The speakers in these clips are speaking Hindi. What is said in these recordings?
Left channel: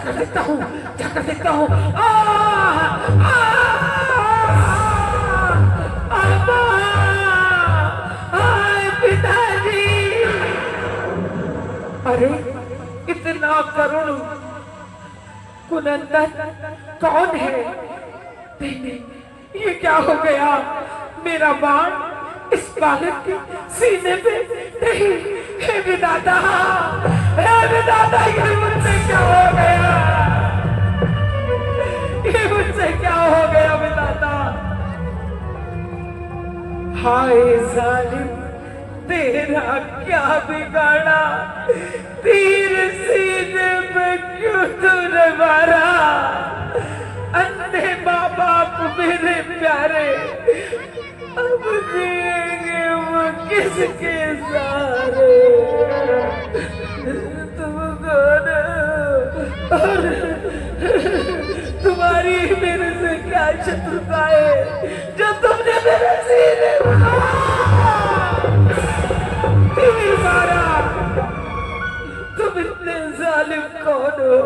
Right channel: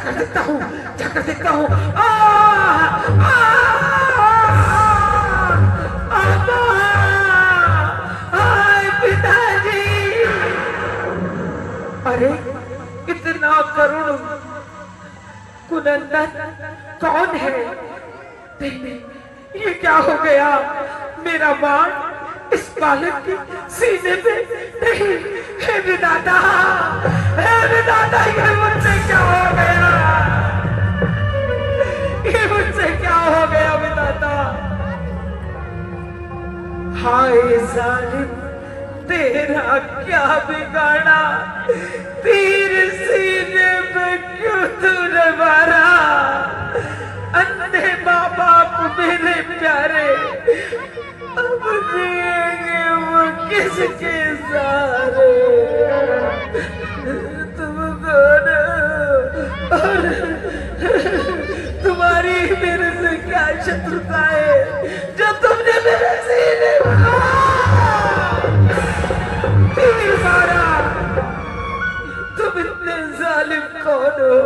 जाकर देखता हूँ, जाकर देखता हूँ। पिताजी, अरे इतना करुण कुनंदन कौन है? नहीं, ये क्या हो गया? मेरा बाण इस बालक के सीने पे नहीं। हे विधाता, हे विधाता, ये मुझसे क्या हो गया? ये मुझसे क्या हो गया विधाता? हाय जालिम, तेरा क्या बिगाड़ा? तीर सीने पे क्यों तूने मारा? अंधे माँ बाप मेरे प्यारे, अब जिएंगे वो किसके सहारे? तुम कौन हो? और तुम्हारी मेरे से क्या शत्रुता है जो तुमने मेरे सीने तीर मारा? तुम इतने जालिम कौन हो?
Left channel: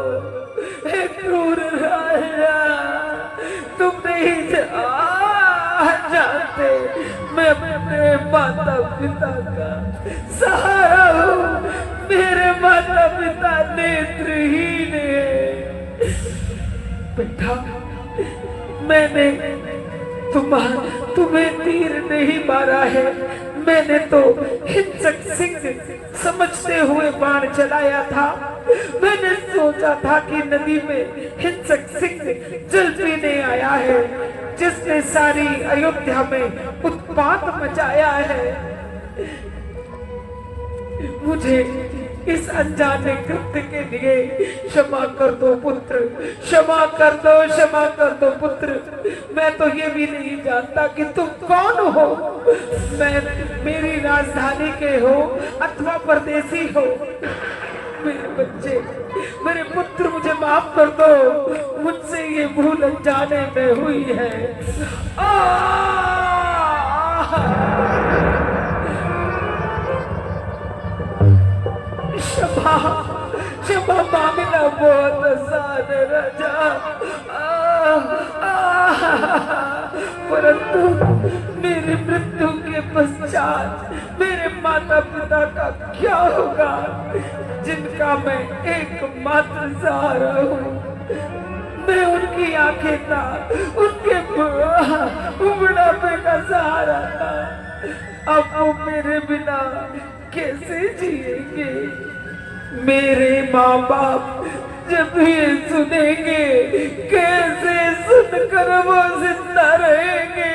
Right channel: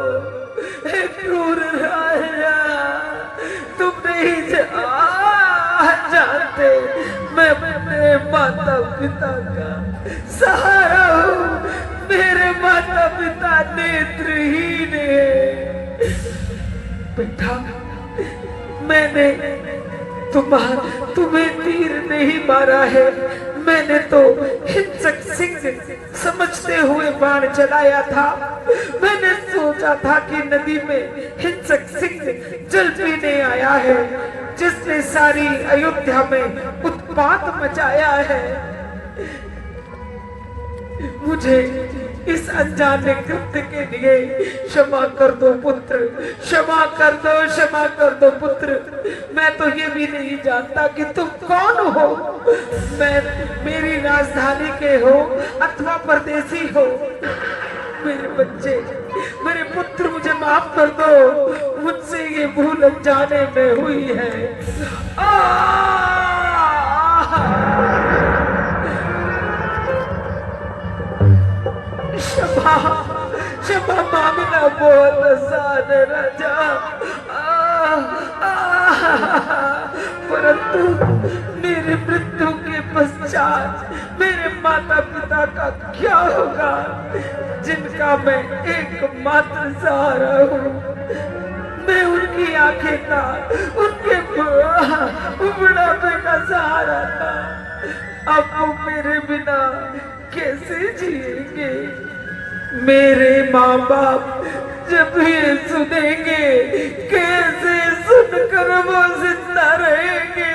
एक क्रूर राजा, तुम नहीं जानते मैं अपने माता पिता का सहारा हूँ। मेरे माता पिता नेत्रहीन है। बेटा, मैंने तुम्हें तीर नहीं मारा है, मैंने तो हिंसक सिंह समझते हुए बाण चलाया था। मैंने सोचा था कि नदी में हिंसक सिंह जल पीने आया है, जिसने सारी अयोध्या में उत्पात मचाया है। मुझे इस अनजाने कृत्य के लिए क्षमा कर दो पुत्र, क्षमा कर दो, क्षमा कर दो पुत्र। मैं तो ये भी नहीं जानता कि तुम कौन हो। मेरी राजधानी के हो अथवा परदेसी हो। मेरे बच्चे, मेरे पुत्र, मुझे माफ कर दो। मुझसे ये भूल अनजाने में हुई है। क्षमा, क्षमा मांगना बहुत आसान है राजा, परंतु मेरी मृत्यु के पश्चात मेरे माता पिता का क्या होगा, जिनका मैं एकमात्र सहारा हूँ। मैं उनकी आंखें का, उनके बुढ़ापे का सहारा था। अब वो मेरे बिना कैसे जिएंगे? मेरे माँ बाप जब ये सुनेंगे, कैसे सुनकर वो जिंदा रहेंगे?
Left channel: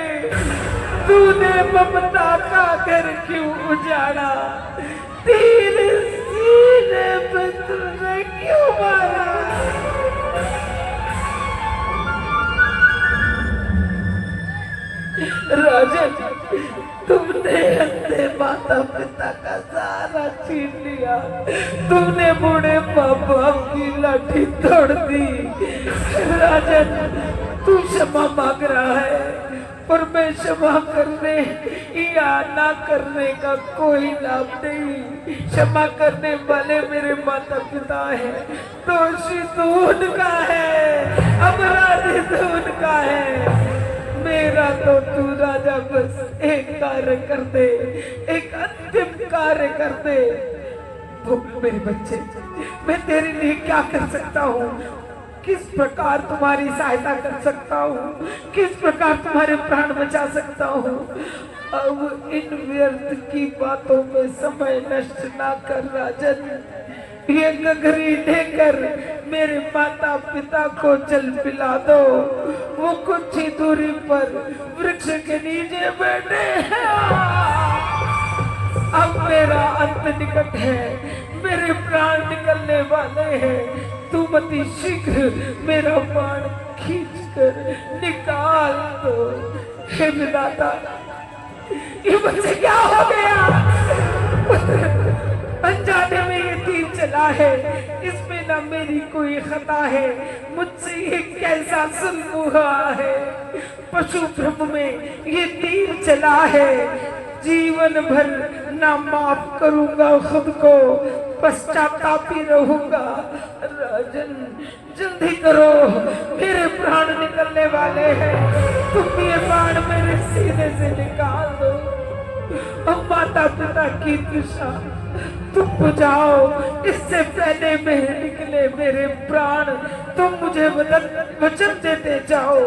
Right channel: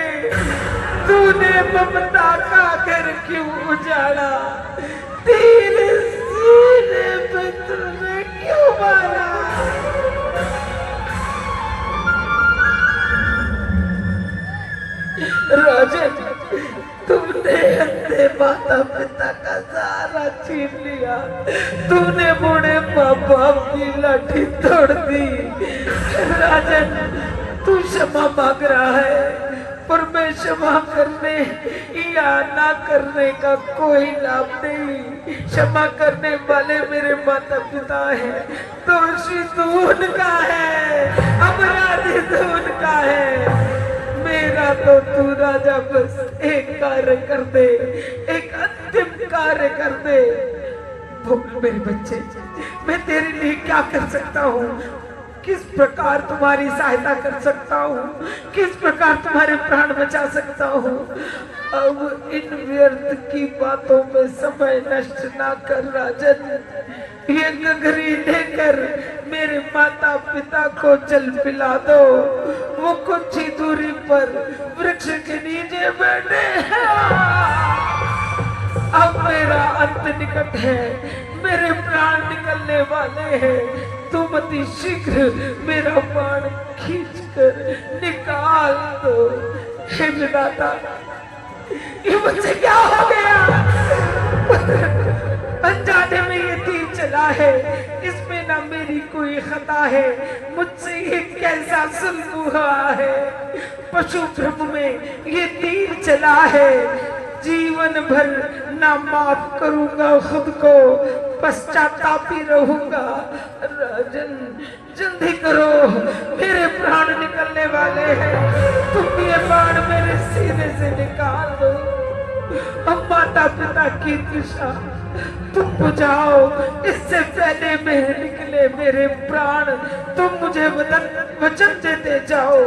तूने ममता का घर क्यों उजाड़ा? तेरे सीने पर तूने क्यों मारा? राजन, तुमने अपने माता पिता का सहारा छीन लिया। तुमने बूढ़े माँ बाप की लाठी तोड़ दी। राजन, तू क्षमा मांग रहा है, पर मैं क्षमा करने या ना करने का कोई लाभ नहीं। क्षमा करने वाले मेरे माता पिता हैं, दोषी तो उनका है, अपराधी तो उनका है। मेरा तो तू राजा बस एक कार्य कर दे, एक अंतिम कार्य कर दे। मेरे बच्चे, मैं तेरे लिए क्या कर सकता हूँ? किस प्रकार तुम्हारी सहायता कर सकता हूँ? किस प्रकार तुम्हारे प्राण बचा सकता हूँ? अब इन व्यर्थ की बातों में समय नष्ट ना कर राजन। ये गगरी लेकर मेरे माता पिता को जल पिला दो। वो कुछ ही दूरी पर वृक्ष के नीचे बैठे हैं। अब मेरा अंत निकट है, मेरे प्राण निकलने वाले हैं। तुम अति शीघ्र मेरा प्राण खींच कर निकाल दो। हे विधाता, ये मुझसे क्या हो गया? अनजाने में ये तीर चला है, इसमें ना मेरी कोई खता है। मुझसे ये कैसा जुल्म हुआ है? पशु भ्रम में ये तीर चला है। जीवन भर ना माफ करूंगा खुद को, पश्चातापी रहूंगा। राजन जल्दी करो, मेरे प्राण निकलने वाले हैं। तुम ये बाण मेरे सीने से निकाल दो। अब माता पिता की तृषा तुम बुझाओ, इससे पहले मेरे निकले मेरे प्राण। तुम मुझे वचन देते जाओ,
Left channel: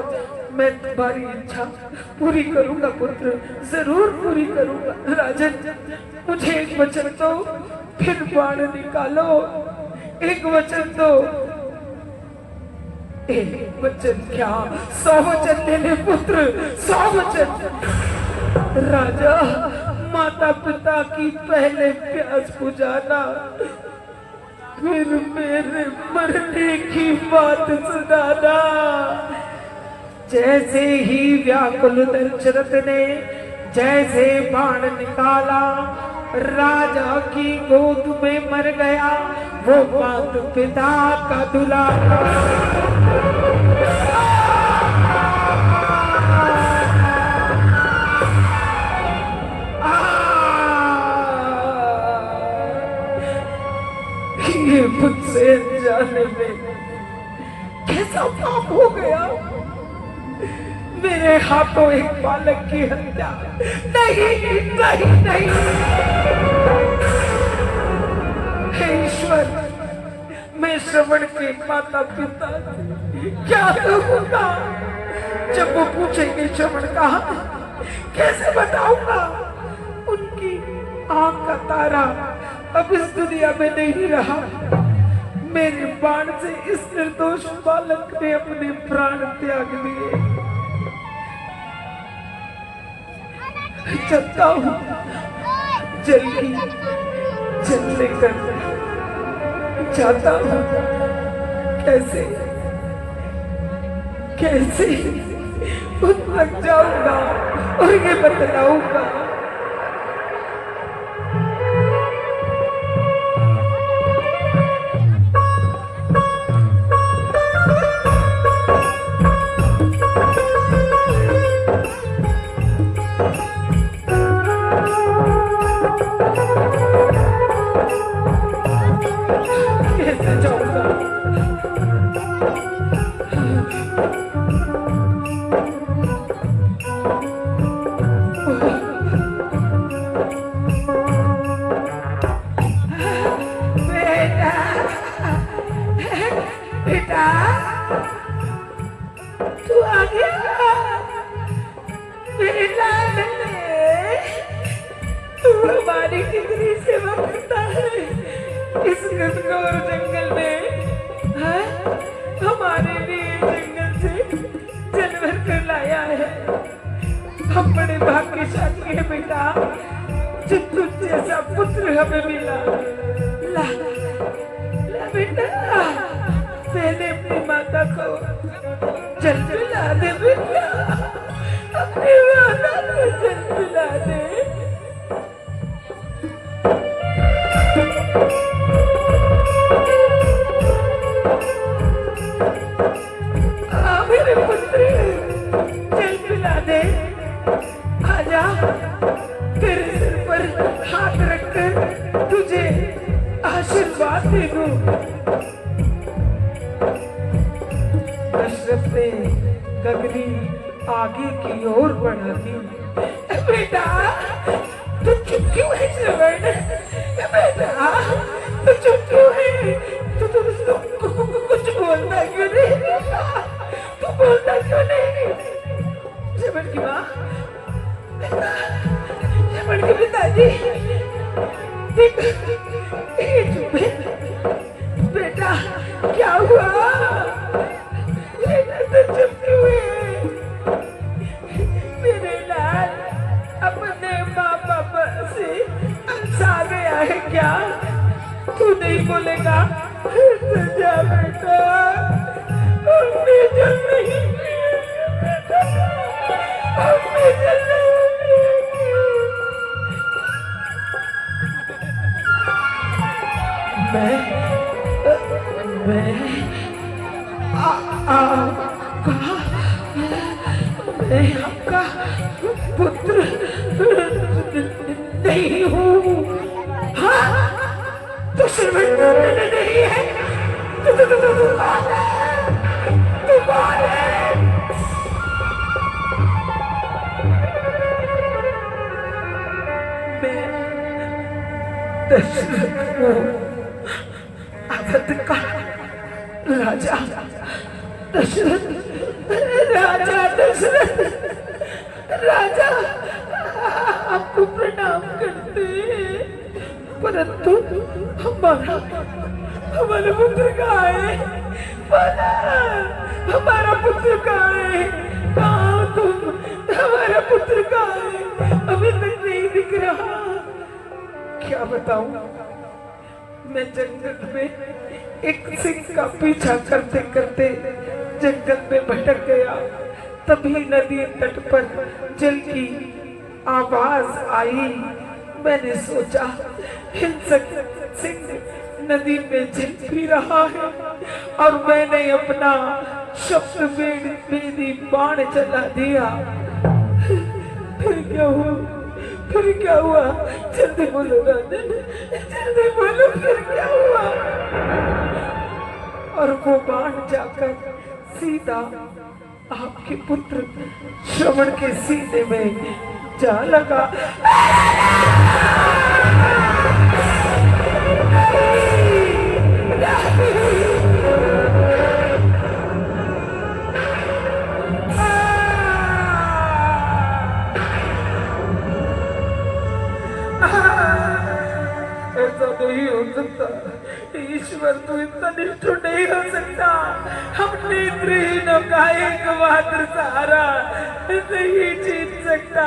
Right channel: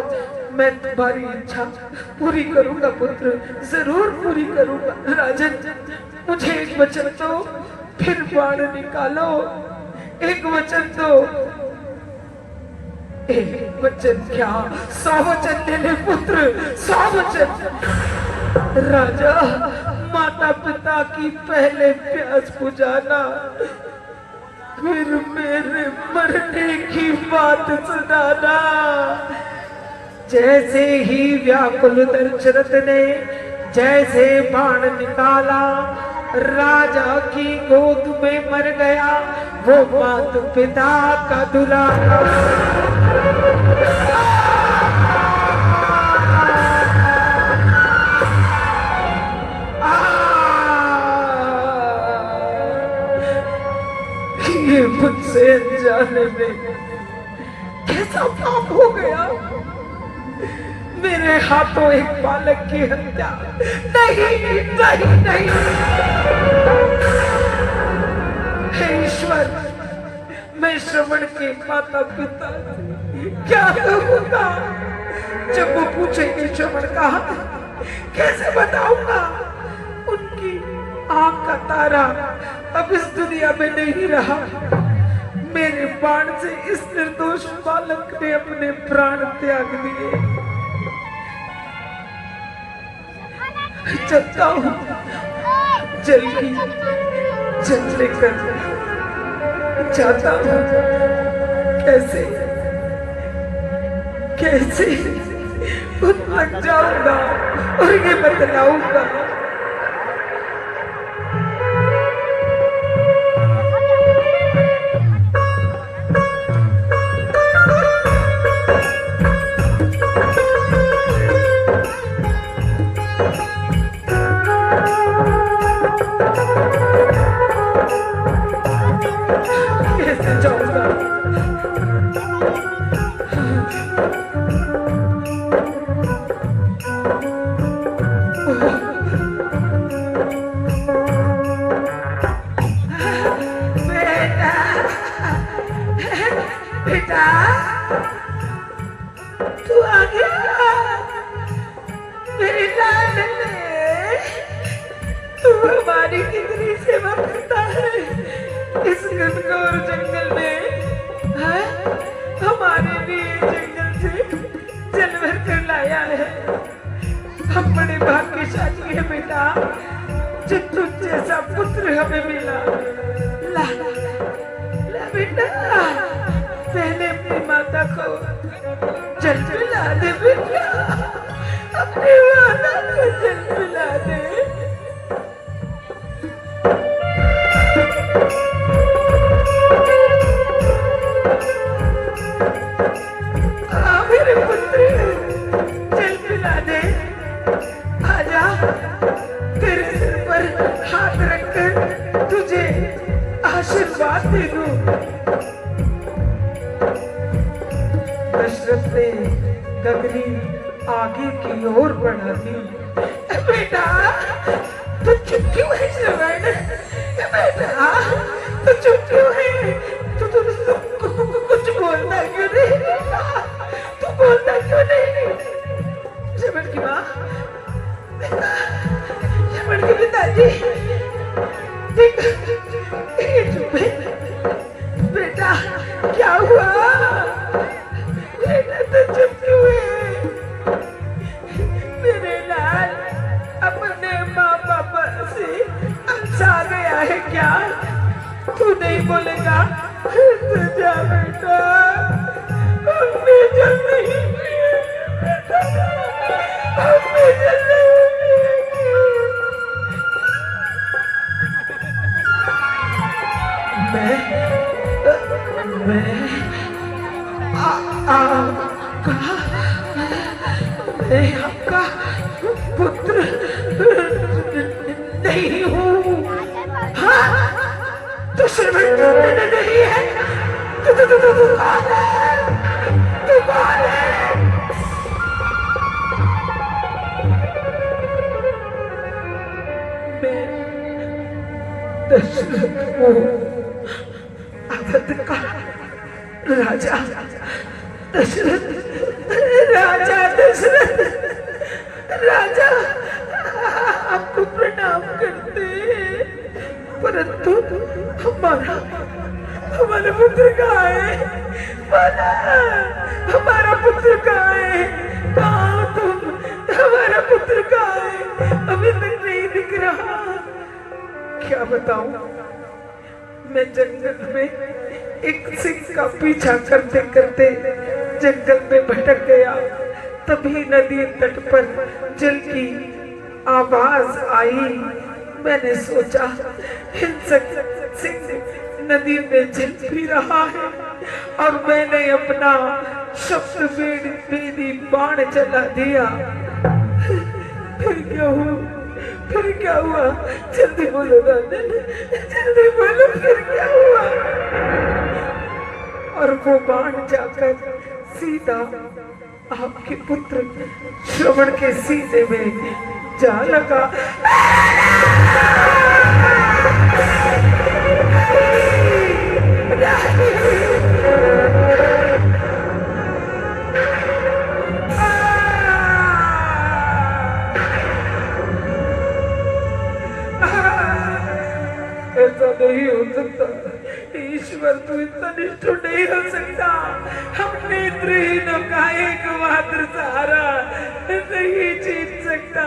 मैं तुम्हारी इच्छा पूरी करूंगा पुत्र, जरूर पूरी करूंगा। राजन मुझे एक वचन दो, फिर बाण निकालो। एक वचन दो। एक वचन क्या, 100 वचन ले ले पुत्र, 100 वचन। राजा माता पिता की पहले प्यास बुझाना, फिर मेरे मरने की बात सुनाना। जैसे ही व्याकुल दशरथ ने जैसे बाण निकाला, राजा की गोद में मर गया वो माता पिता का दुलारा। ये मुझसे अनजाने में कैसा पाप हो गया। मेरे हाथों एक बालक की हत्या। नहीं नहीं नहीं, हे ईश्वर, मैं श्रवण के माता पिता क्या कहूँगा जब वो पूछेंगे श्रवण कहा, कैसे बताऊंगा। उनकी आंख का तारा अब इस दुनिया में नहीं रहा। मेरे बाण से इस निर्दोष बालक ने अपने प्राण त्याग दिए। चलता हूँ, जल्दी जल्दी कर जाता हूँ। कैसे कैसे खुद लग जाऊंगा और ये बतलाऊंगा। आगे की ओर बढ़ा दी। बेटा तू चुप क्यों है श्रवण? बेटा तू चुप क्यों है? तू कुछ बोलता क्यों नहीं? तू बोलता क्यों नहीं? श्रवण की माँ, श्रवण के पिताजी चुप है। बेटा क्या हुआ? बेटा तू चुप क्यों है? मेरे लाल अपने माँ बाप से अंसा गया है क्या? तू नहीं बोलेगा तो जा बेटा, हमने जल नहीं बेटा, हमने जल मैं आपका पुत्र नहीं हूँ। हाँ तो में दशरथ को अवध का राजा दशरथ, राजा दशरथ, राजा आपको प्रणाम करते हैं, परंतु हमारा पुत्र कहाँ है? हमारा पुत्र कहाँ है? कहाँ हो तुम? हमारा पुत्र कहाँ है? अभी तक नहीं दिख रहा। क्या बताऊं, मैं जंगल में एक सिंह का पीछा करते करते जंगल में भटक गया। तभी नदी तट पर जल की आवाज आई। मैंने सोचा हिंसक सिंह नदी में जल पी रहा है और मैंने अपना शब्द बेदी बाण चला दिया। फिर क्या हुआ? जल्दी बोलो राजन, जल्दी बोलो फिर क्या हुआ? और वो बाण जाकर सीधा आपके पुत्र श्रवण के सीने में जा लगा। ऐसा नहीं हो सकता ईश्वर, तू इतना निष्ठुर नहीं हो सकता। हम नेत्रहीनों का एक मात्र सहारा नहीं जीत सकता।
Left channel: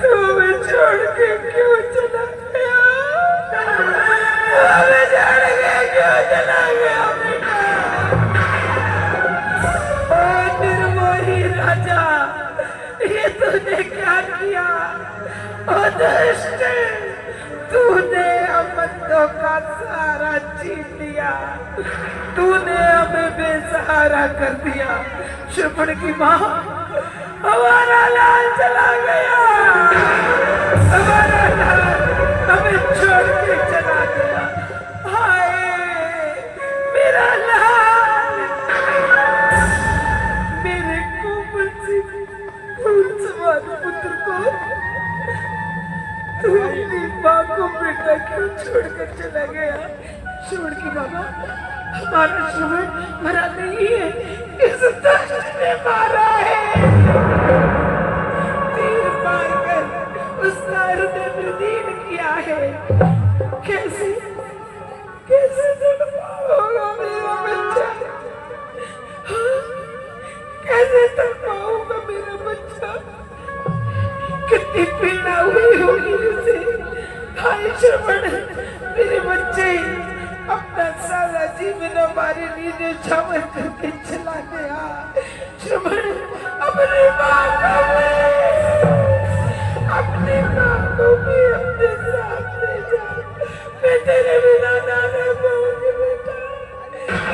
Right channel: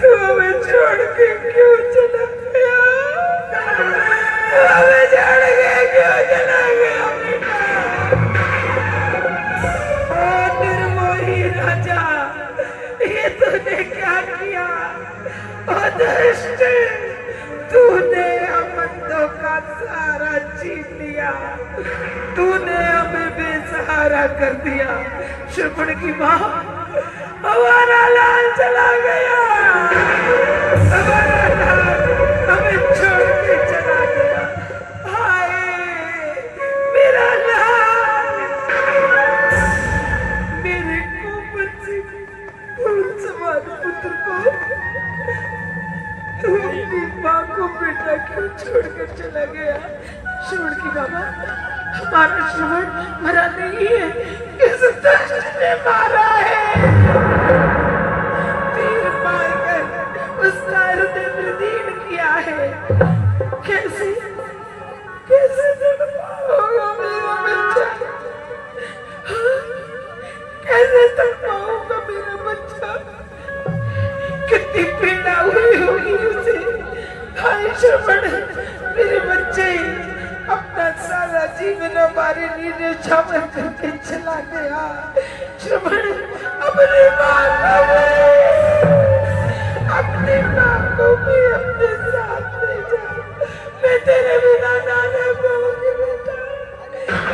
तू हमें छोड़ के क्यों चला गया? हमें छोड़ के क्यों चला गया बेटा? निर्मोही राजा, ये तूने क्या किया? दुष्ट, तूने अमंदों का सहारा छीन लिया, तूने हमें बेसहारा कर दिया। श्रवण की माँ, हमारा लाल चला गया, हमारा लाल हमें छोड़ के चला गया। हाय मेरा लाल, मेरे कोमल से सवार पुत्र को तू अपनी माँ को बेटा क्यों छोड़कर चला गया? श्रवण की बाबा, हमारा श्रवण मरा नहीं है, इस दुष्ट ने मारा है। तीर मारकर उसका हृदय विदीर्ण किया है। कैसे कैसे तड़पाऊंगा मेरा बच्चा? कैसे तड़पाऊंगा मेरा बच्चा? कितनी पीड़ा हुई होगी उसे। हाय श्रवण, मेरे बच्चे अपना सारा जीवन हमारे लिए छावर करके चला गया। श्रवण, अपने माँ को भी अपने साथ ले जा। मैं तेरे बिना ना रह पाऊंगी बेटा,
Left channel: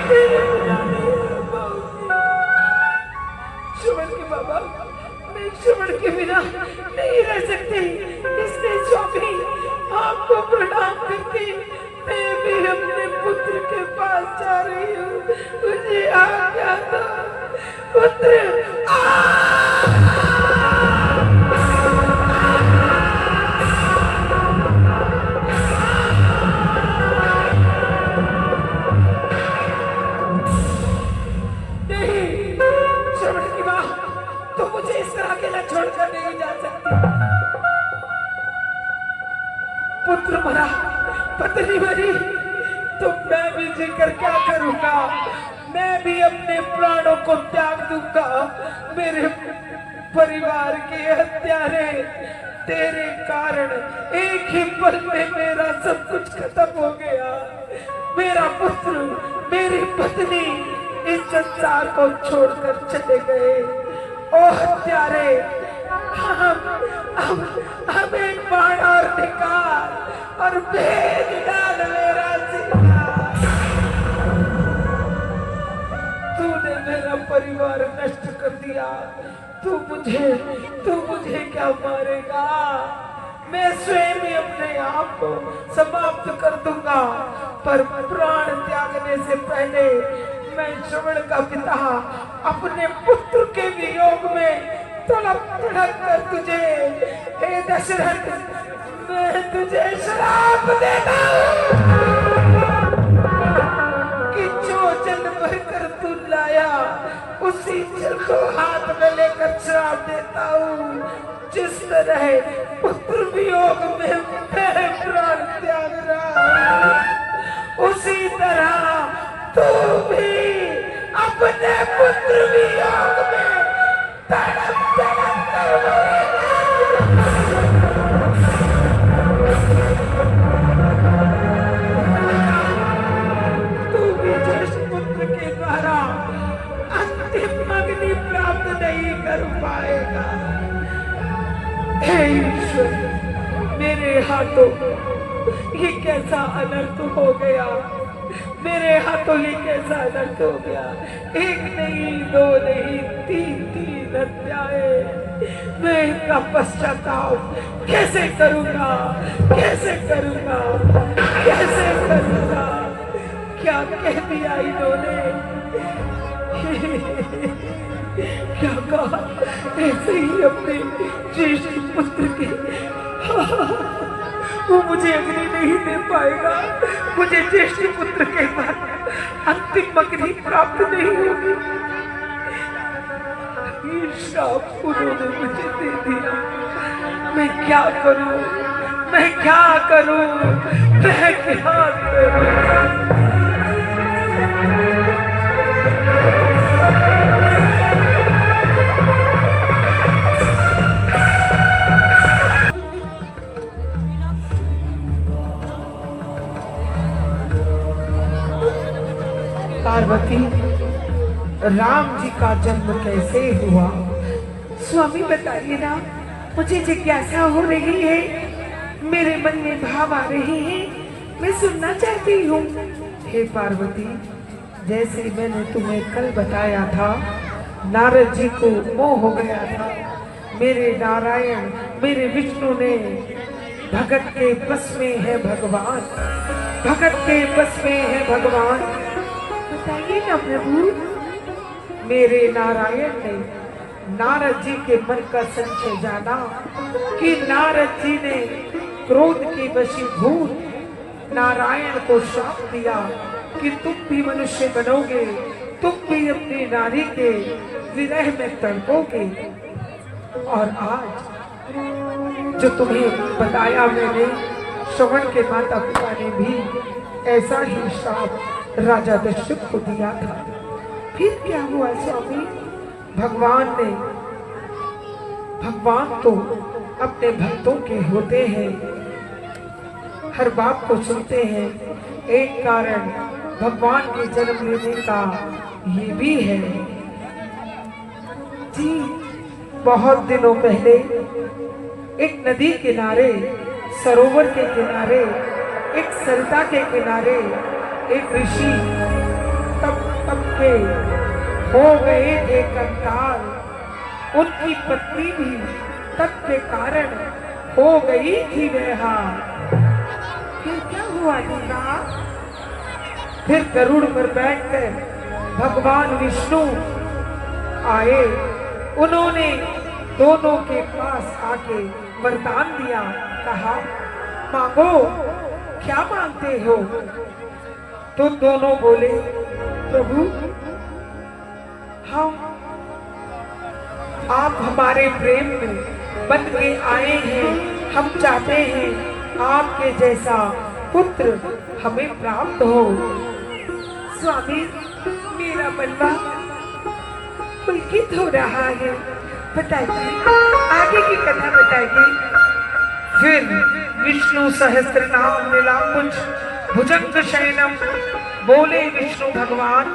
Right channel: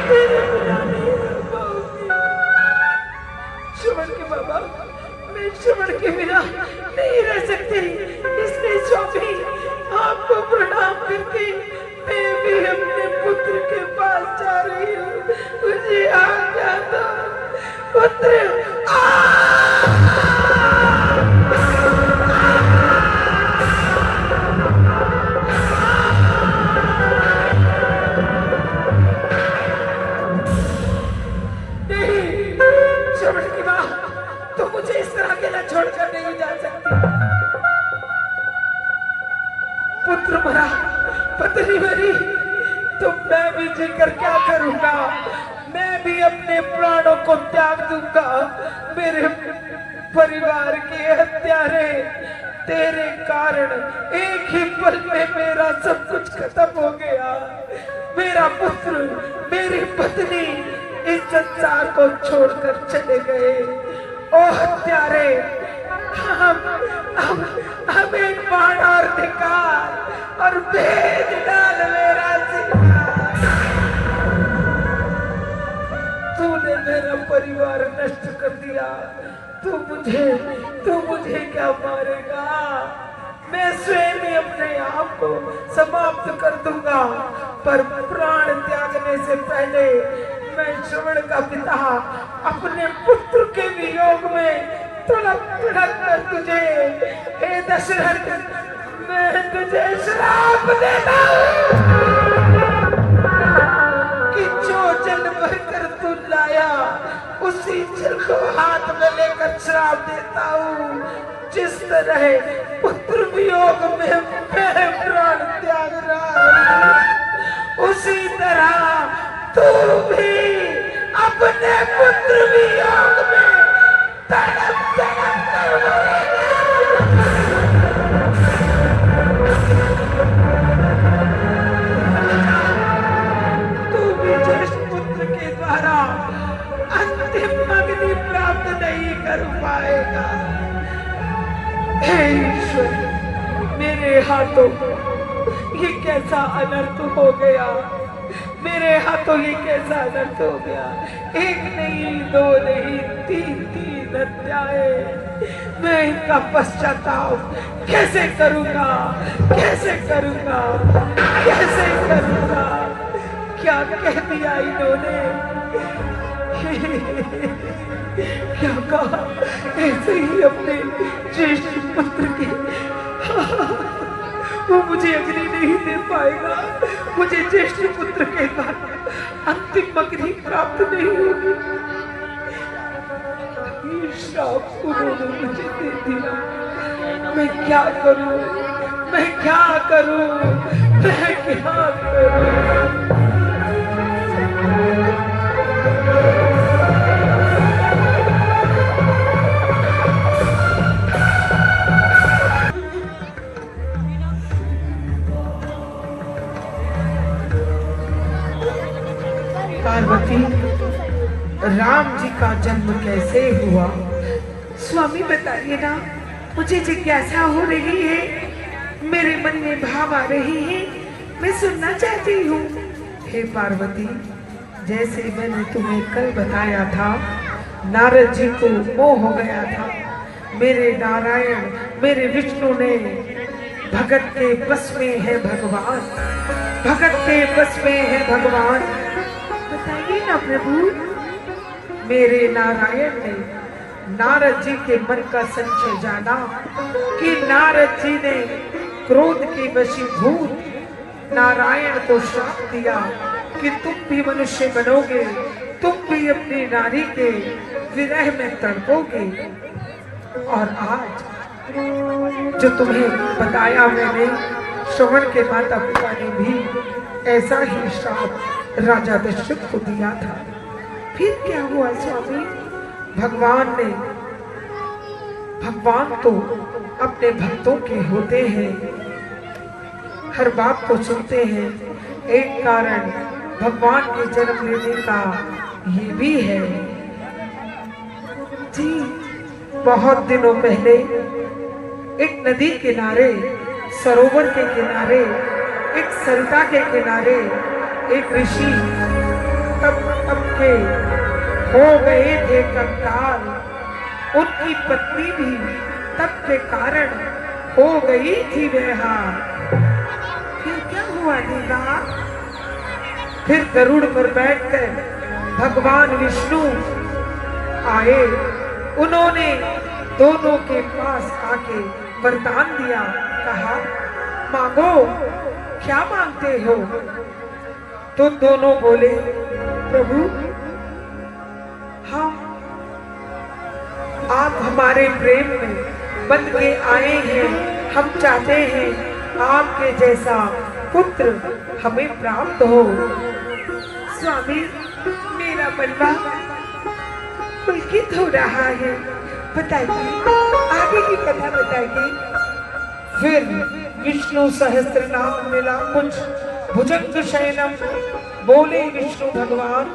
तेरे बिना नहीं रह पाऊंगी। श्रवण के बाबा, मैं श्रवण के बिना नहीं रह सकती, इसलिए स्वामी आपको प्रणाम करके मैं भी अपने पुत्र के पास जा रही हूँ। मुझे आज्ञा दो पुत्र। नहीं श्रवण की माँ, तो मुझे इस तरह अकेला छोड़कर नहीं जा सकती। पुत्र मरा, पत्नी मरी, तो मैं भी जीकर क्या करूंगा? मैं भी अपने प्राणों को त्याग दूंगा। मेरे परिवार के हत्यारे तेरे कारण एक ही पल में मेरा सब कुछ खत्म हो गया। मेरा पुत्र, मेरी पत्नी इस संसार को छोड़कर चले गए। ओ हत्यारे, हमें बाण और निकाल और भेज डाल मेरा जीवन। तूने मेरा परिवार नष्ट कर दिया, तू मुझे क्या मारेगा? मैं स्वयं ही अपने आप को समाप्त कर दूंगा, पर प्राण त्यागने से पहले मैं श्रवण का पिता अपने पुत्र के वियोग में तड़प तड़प कर तुझे, हे दशरथ, मैं तुझे श्राप देता हूँ कि जो जल भर कर तू लाया उसी जल को हाथ में लेकर श्राप देता हूँ। जिस तरह पुत्र वियोग में मैं प्राण त्याग रहा हूँ, उसी तरह तू भी अपने पुत्र वियोग में तड़प तड़प कर मरेगा। तू भी ज्येष्ठ पुत्र के द्वारा अंतिम अग्नि प्राप्त नहीं कर पाएगा। हे ईश्वर, मेरे हाथों ये कैसा अनर्थ हो गया, मेरे हाथों ये कैसा अनर्थ हो गया। एक नहीं, दो नहीं, तीन हत्याएं। मैं इनका पश्चाताप कैसे करूंगा, कैसे करूंगा, कैसे करूंगा। क्या कह दिया इन्होंने, क्या कहा, ऐसे ही अपने ज्येष्ठ पुत्र की वो मुझे अग्नि नहीं दे पाएगा, मुझे ज्येष्ठ पुत्र के बाद अंतिम अग्नि प्राप्त नहीं होगी। ये श्राप उन्होंने मुझे दे दिया। मैं क्या करूं, मैं क्या करूं, मैं क्या करूं। पार्वती, राम जी का जन्म कैसे हुआ? स्वामी बताइए ना, मुझे जिज्ञासा हो रही है, मेरे मन में भाव आ रहे हैं, मैं सुनना चाहती हूँ। हे पार्वती, जैसे मैंने तुम्हें कल बताया था, नारद जी को मोह हो गया था। मेरे नारायण, मेरे विष्णु ने भगत के बस में है भगवान, भगत के बस में है भगवान। बताइए ना प्रभु। मेरे नारायण ने नारद जी के मन का संशय जाना कि नारद जी ने क्रोध के वशीभूत नारायण को श्राप दिया कि तुम भी मनुष्य बनोगे, तुम भी अपनी नारी के विरह में तड़पोगे। और आज जो तुम्हें बताया मैंने, श्रवण के माता पिता ने भी ऐसा ही श्राप राजा दशरथ को दिया था। फिर क्या हुआ स्वामी? भगवान तो अपने भक्तों के होते हैं, हर बात को सुनते हैं। एक कारण भगवान के जन्म लेने का ये भी है। जी, बहुत दिनों पहले एक नदी किनारे, सरोवर के किनारे, एक सरिता के किनारे एक ऋषि तप के हो गए थे कंकाल। उनकी पत्नी भी तप के कारण हो गई थी बेहाल। फिर क्या हुआ दीदा? फिर गरुड़ पर बैठकर भगवान विष्णु आए। उन्होंने दोनों के पास आके वरदान दिया, कहा मांगो, क्या मांगते हो? तो दोनों बोले, प्रभु हम आप हमारे प्रेम में बंध के आए हैं, हम चाहते हैं आपके जैसा पुत्र हमें प्राप्त हो। स्वामी, मेरा मनवा पुलकित हो रहा है, बताइए, आगे की कथा बताइए। फिर विष्णु सहस्त्र नाम नीलांबुज भुजंग शयनम बोले विष्णु भगवान,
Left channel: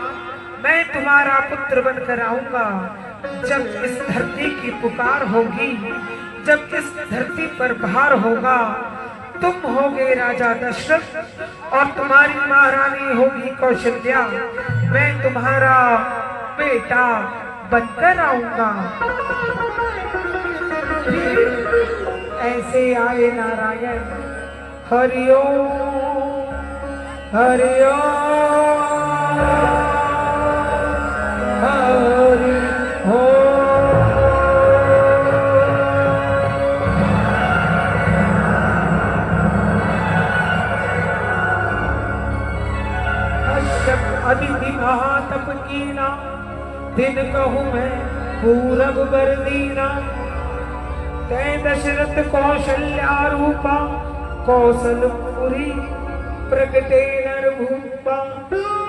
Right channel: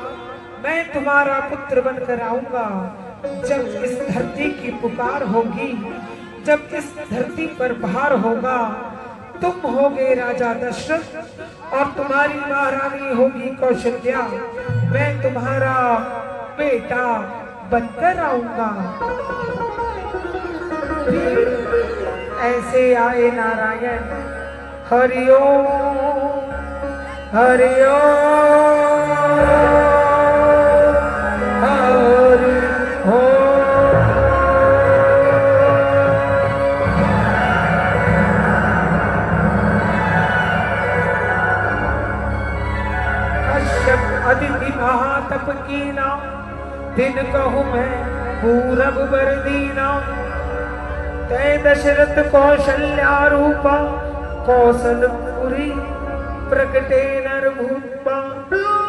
मैं तुम्हारा पुत्र बनकर आऊंगा। जब इस धरती की पुकार होगी, जब इस धरती पर भार होगा, तुम होगे राजा दशरथ और तुम्हारी महारानी होगी कौशल्या। मैं तुम्हारा बेटा बनकर आऊंगा। ऐसे आए नारायण। हरिओम हरिओम हरि ओम। दिन कहूँ मैं पूरब बरदीना, तय दशरथ कौशल्या रूपा, कौशलपुरी प्रगटे नरभूपा।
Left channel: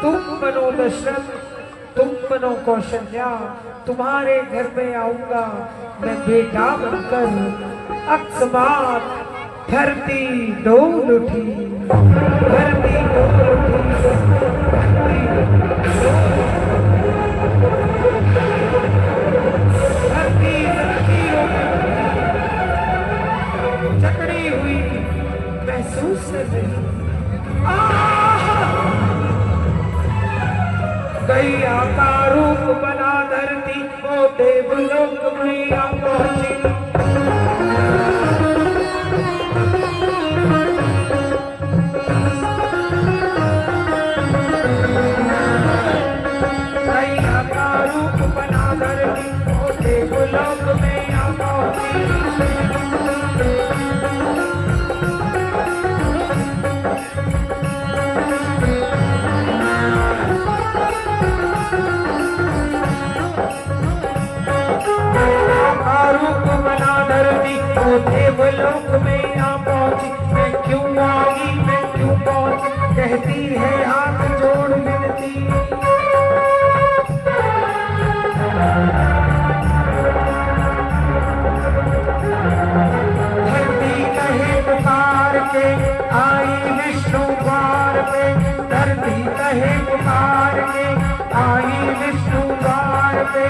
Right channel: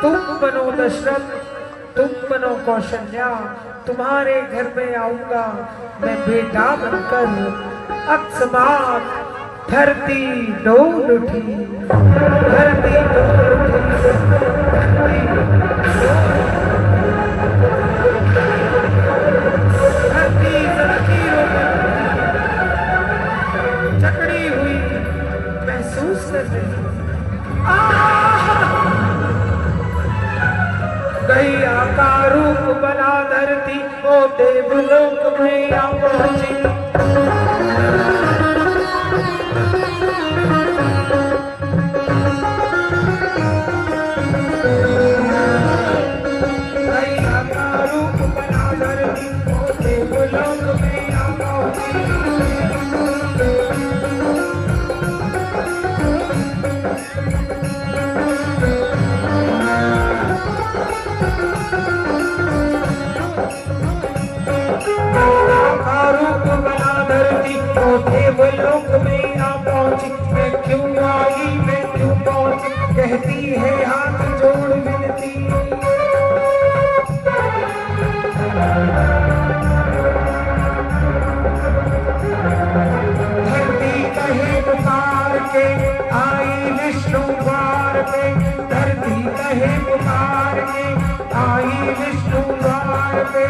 तुम बनो दशरथ, तुम बनो कौशल्या, तुम्हारे घर में आऊंगा मैं बेटा बनकर। अकस्मात धरती डोल उठी, धरती डोल उठी, धरती लकीरों में जकड़ी हुई महसूस कर रही। गैया का रूप बना धरती, ओ देवलोक में आ पहुंची। गैया का रूप बना धरती, ओ देवलोक में आ पहुंची। कहती है हाथ जोड़ मिलती, धरती कहे पुकार के आई विष्णु द्वार पे, धरती कहे पुकार के आई विष्णु द्वार पे।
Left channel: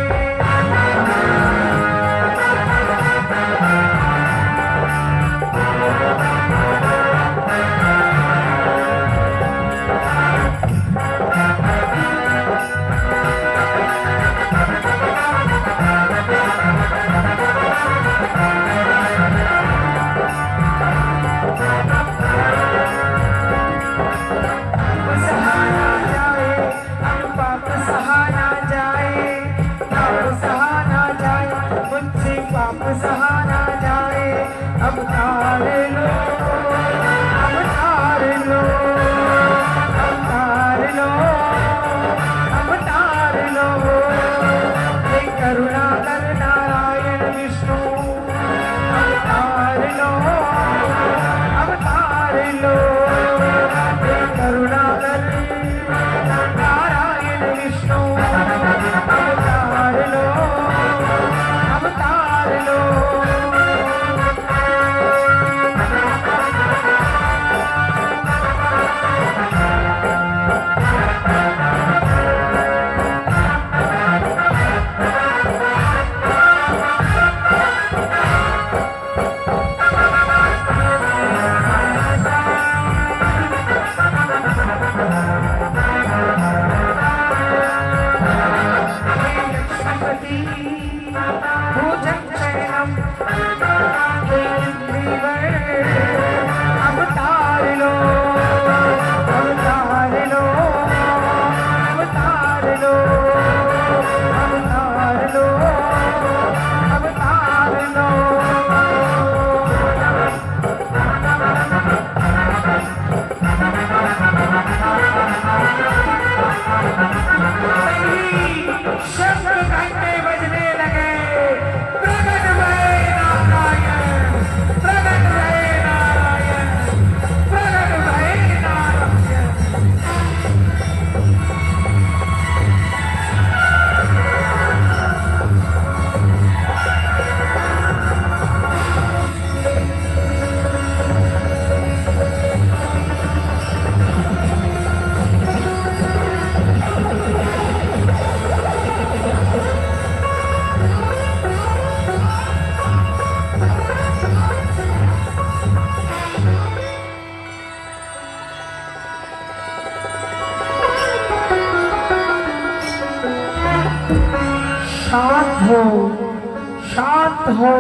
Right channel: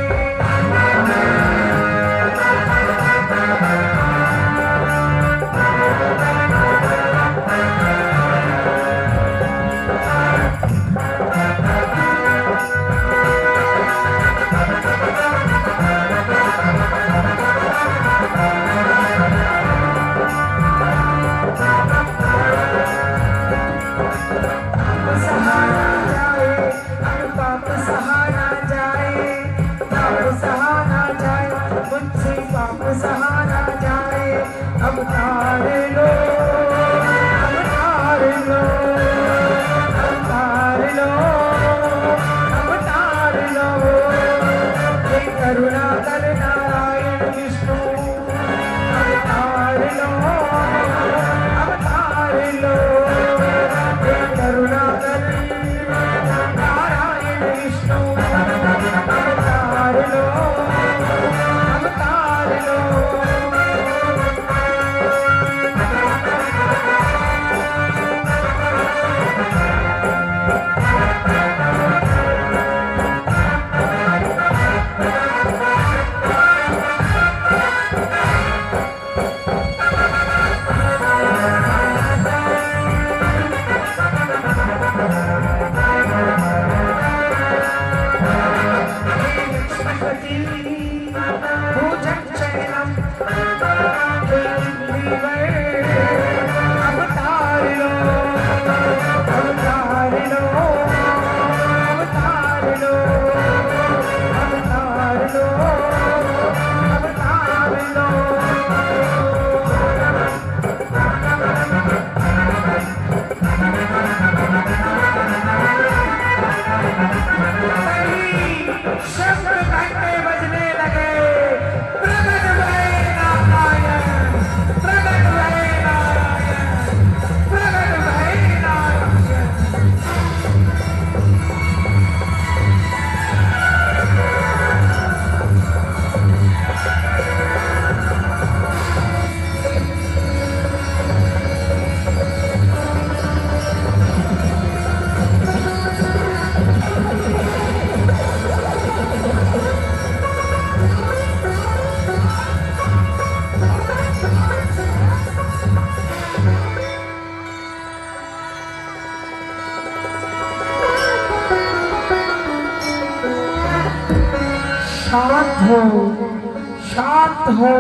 शांत हो,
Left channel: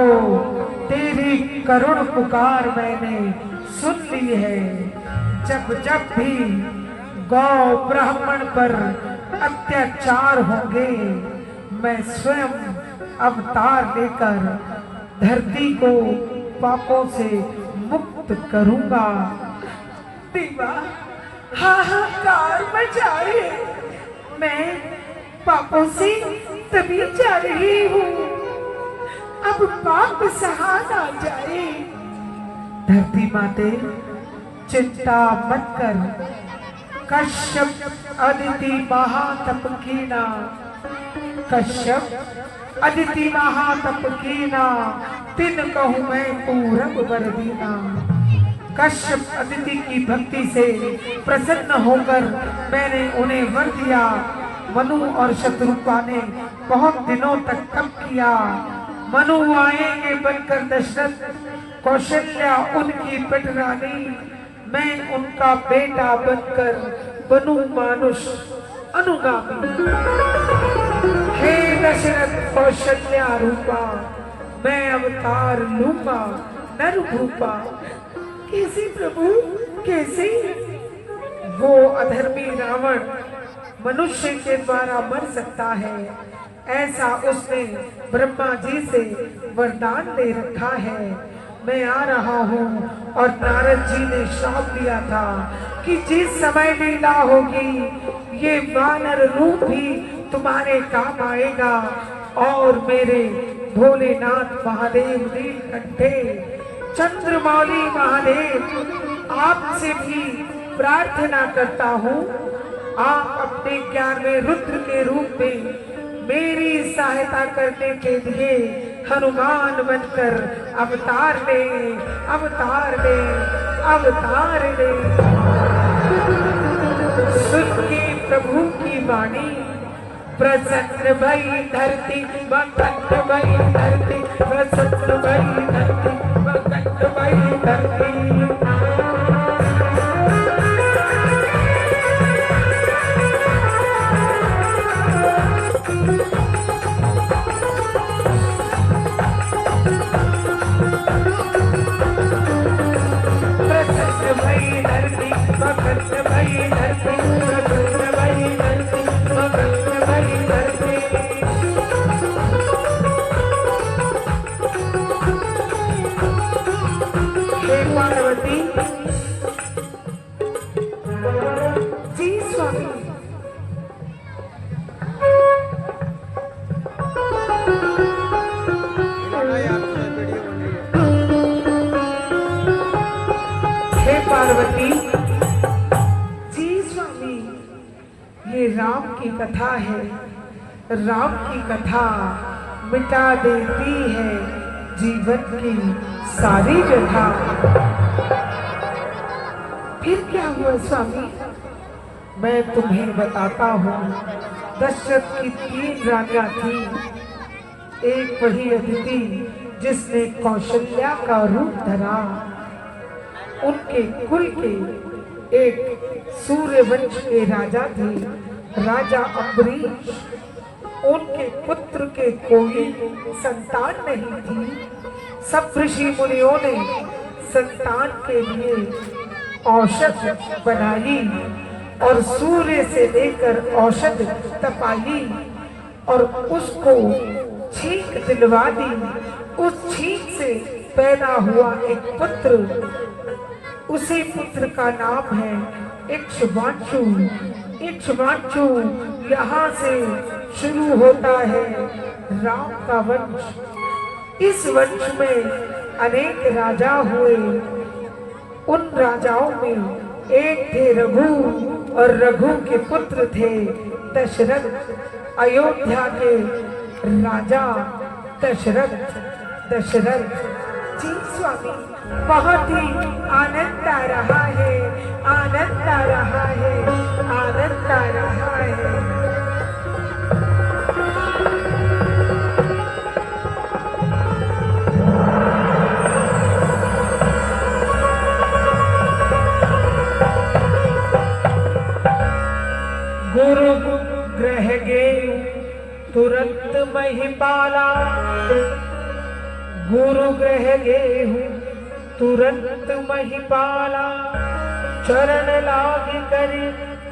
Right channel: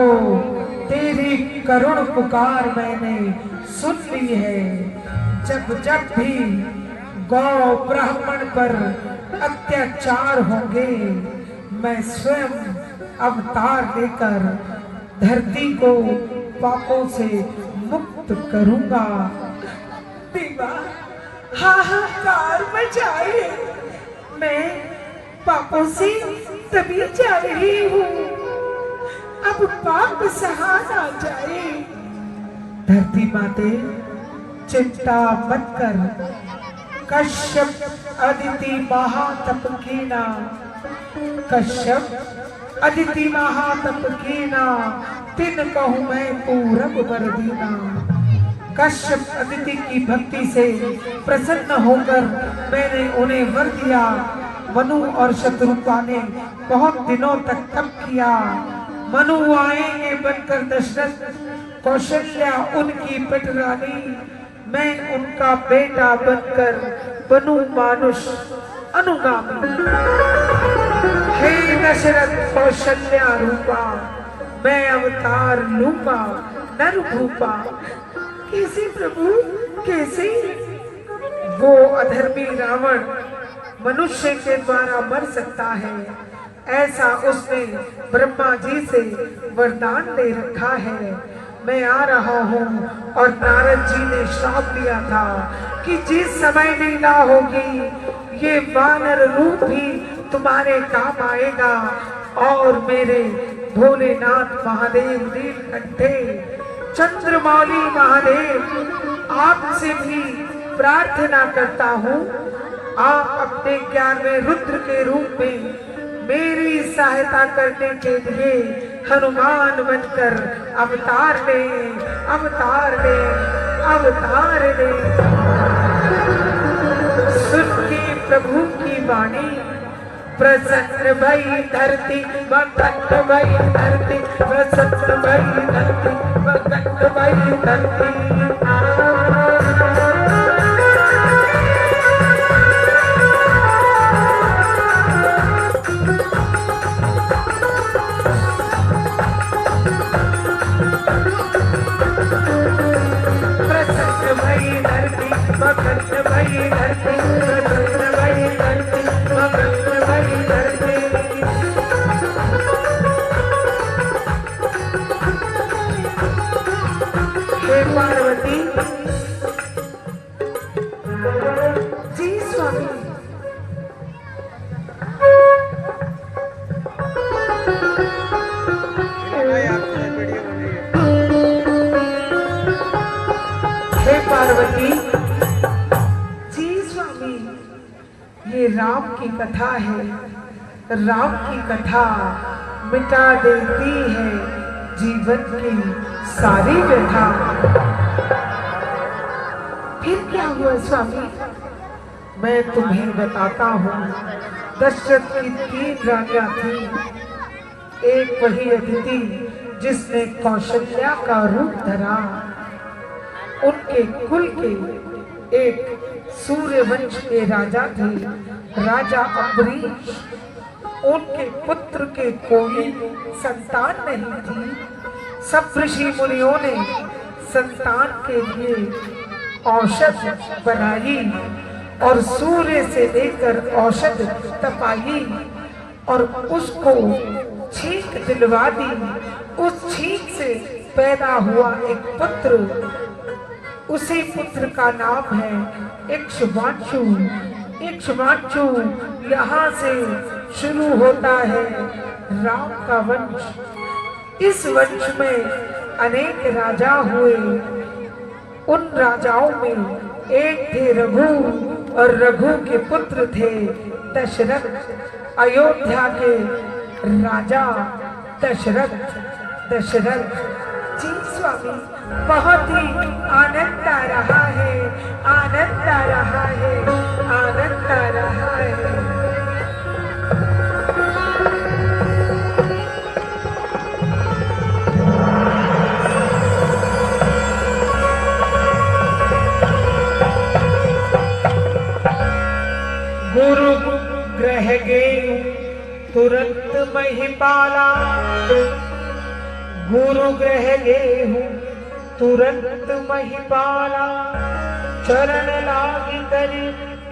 तेरी करुण पुकार मैंने सुन ली है। जब जब भी गौ ब्राह्मण पर अत्याचार होंगे, मैं स्वयं अवतार लेकर धरती को पापों से मुक्त करूंगा। देवा हाहाकार मचाइए, मैं पापों से तभी जा रही हूँ, अब पाप सहा ना जाए। धरती माते चिंता मत कर, कश्यप अदिति महातप कीना, कश्यप अदिति महातप कीना, तिन कहूँ मैं पूरब वर दीना। कश्यप अदिति की भक्ति से प्रसन्न होकर मैंने उन्हें वर दिया। मनु और शत्रुपा ने बहुत दिनों तक तप किया। मनु आएंगे बनकर दशरथ, कौशल्या उनकी पटरानी, मैं उनका बेटा बनकर बनूं मानुष अनुगामी। हे दशरथ कौशल्या रूपा, मैं अवतार लूंगा नर भूपा। कैसे प्रभु, कैसे? वो अधर्मी रावण मनुष्य के द्वारा मर सकता है, ऐसा उसने ब्रह्मा जी से वरदान ले रखा है। मैं आ रहा हूँ और नारद जी ने श्राप दिया था कि जिस समय लीला होगी ये वानर रूप भी तुम्हारे काम आएगा। और मेरे भोलेनाथ महादेव नीलकंठे चंद्रमौली महादेव आपसे भी प्रार्थना करता हूँ, आप अपने ज्ञान में रुद्र के रूप में मेरी सहायता करने के लिए हनुमान बनकर अवतार ले, अवतार ले, अवतार ले। सुन के प्रभु की वाणी प्रसन्न भई धरती, मगन भई धरती, प्रसन्न भई धरती, मगन भई धरती। पार्वती जी स्वामी, ये राम की कथा है। राम की कथा मिटा देती है जीवन की सारी व्यथा। फिर क्या हुआ स्वामी? मैं तुम्हें बताता हूँ। दशरथ की 3 रानियां थी। एक वही अदिति जिसने कौशल्या का रूप धरा। उनके कुल के एक सूर्यवंश के राजा थे, राजा अम्बरीश। उनके पुत्र के कोई संतान नहीं थी। सब ऋषि मुनियों ने संतान के लिए औषध बनाई और सूर्य से लेकर औषध तपाई और उसको छींक दिलवा दी। उस छींक से पैदा हुआ एक पुत्र, उसी पुत्र का नाम है इक्ष्वाकु। इक्ष्वाकु यहाँ से शुरू होता है राम का वंश। इस वंश में अनेक राजा हुए। उन राजाओं में एक थे रघु और रघु के पुत्र थे दशरथ। अयोध्या के राजा दशरथ जी स्वामी, बहुत ही आनंद आ रहा है, आनंद आ रहा है, आनंद आ रहा है। गुरु ग्रह गए तुरंत महिपाला, गुरु ग्रह गेहूं तुरंत महिपाला। चरण लागी करी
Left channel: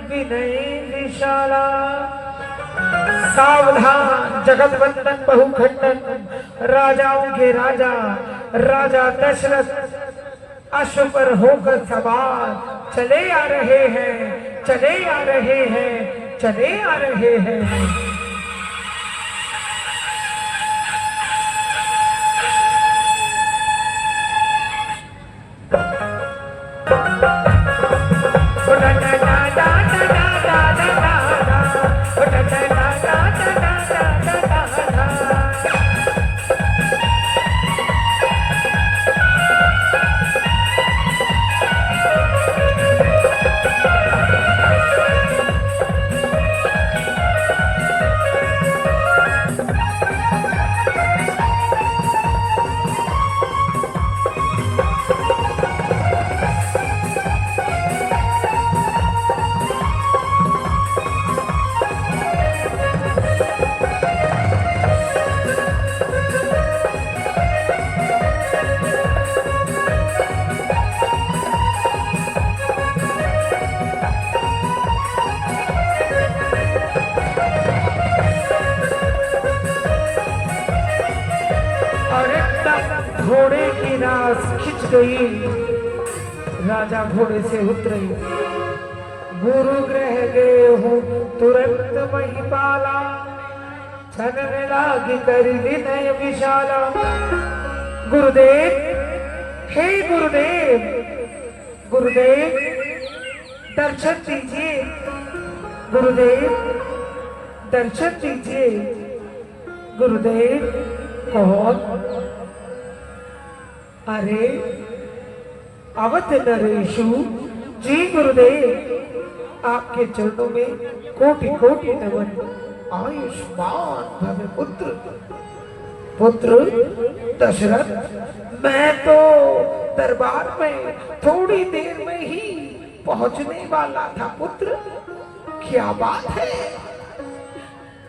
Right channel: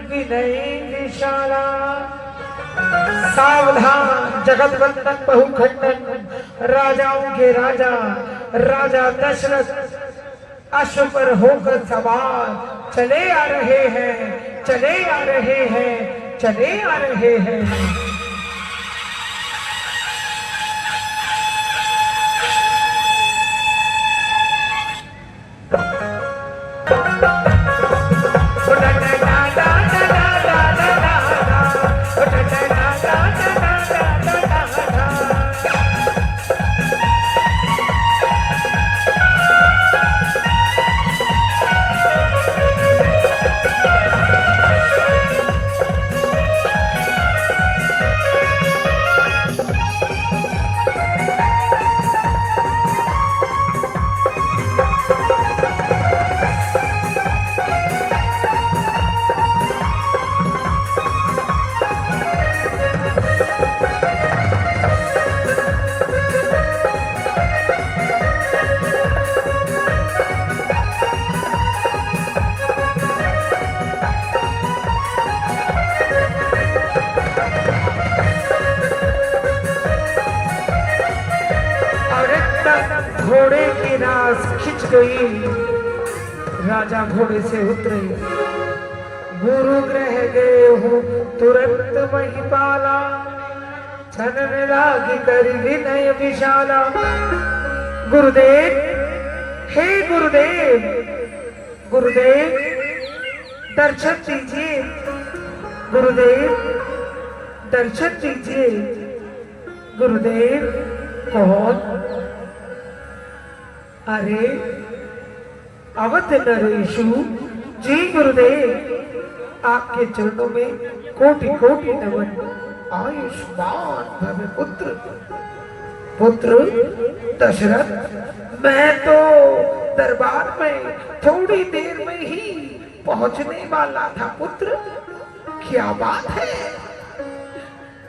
विनय विशाला। सावधान जगत वंदन बहुखंडन, राजाओं के राजा राजा दशरथ अश्व पर होकर सवार चले आ रहे हैं, चले आ रहे हैं, चले आ रहे हैं। रास खिंच गई, राजा घोड़े से उतरे, गुरु ग्रह गए हो तुरंत वही पाला, छनन लागी करी विनय विशाला। गुरुदेव, हे गुरुदेव, गुरुदेव दर्शन दीजिए, गुरुदेव दर्शन दीजिए। गुरुदेव कौन? अरे अवध नरेशु जी गुरुदेव, आपके चरणों में कोटि कोटि नमन। आयुष्मान भव पुत्र। पुत्र दशरथ, मैं तो दरबार में थोड़ी देर में ही पहुंचने वाला था पुत्र। क्या बात है?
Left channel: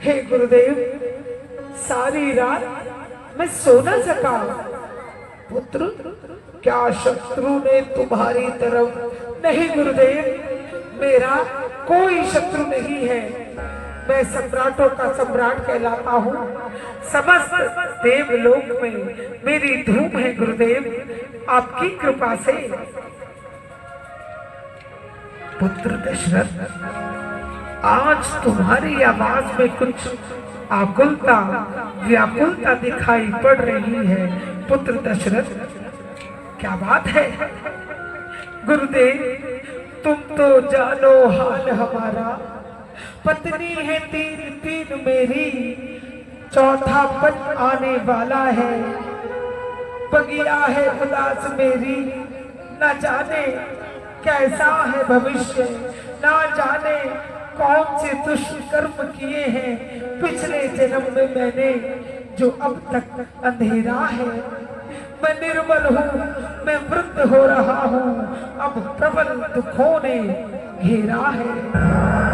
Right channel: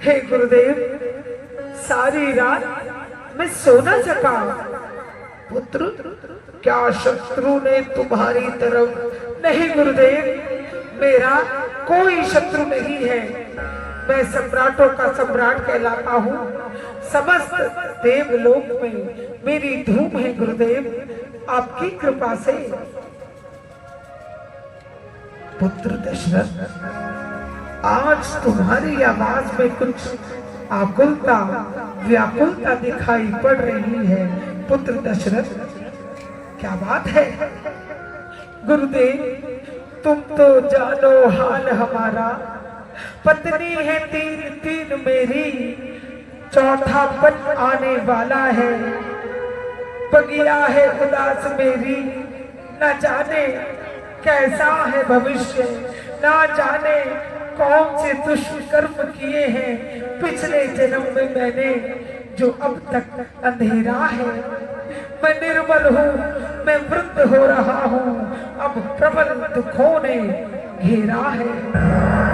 हे गुरुदेव, सारी रात मैं सो न सका। पुत्र, क्या शत्रु ने तुम्हारी तरफ? नहीं गुरुदेव, मेरा कोई शत्रु नहीं है। मैं सम्राटों का सम्राट कहलाता हूँ। समस्त देवलोक में मेरी धूम है गुरुदेव, आपकी कृपा से। पुत्र दशरथ, आज तुम्हारी आवाज में कुछ आकुलता, व्याकुलता दिखाई पड़ रही है। पुत्र दशरथ, क्या बात है? गुरुदेव, तुम तो जानो हाल हमारा। पत्नी है तीन तीन मेरी, चौथा पन आने वाला है। बगिया है उदास मेरी, न जाने कैसा है भविष्य, न जाने कौन से दुष्कर्म किए हैं पिछले जन्म में मैंने, जो अब तक अंधेरा है। मैं निर्बल हूँ, मैं वृद्ध हो रहा हूँ, अब प्रबल दुखों ने घेरा है।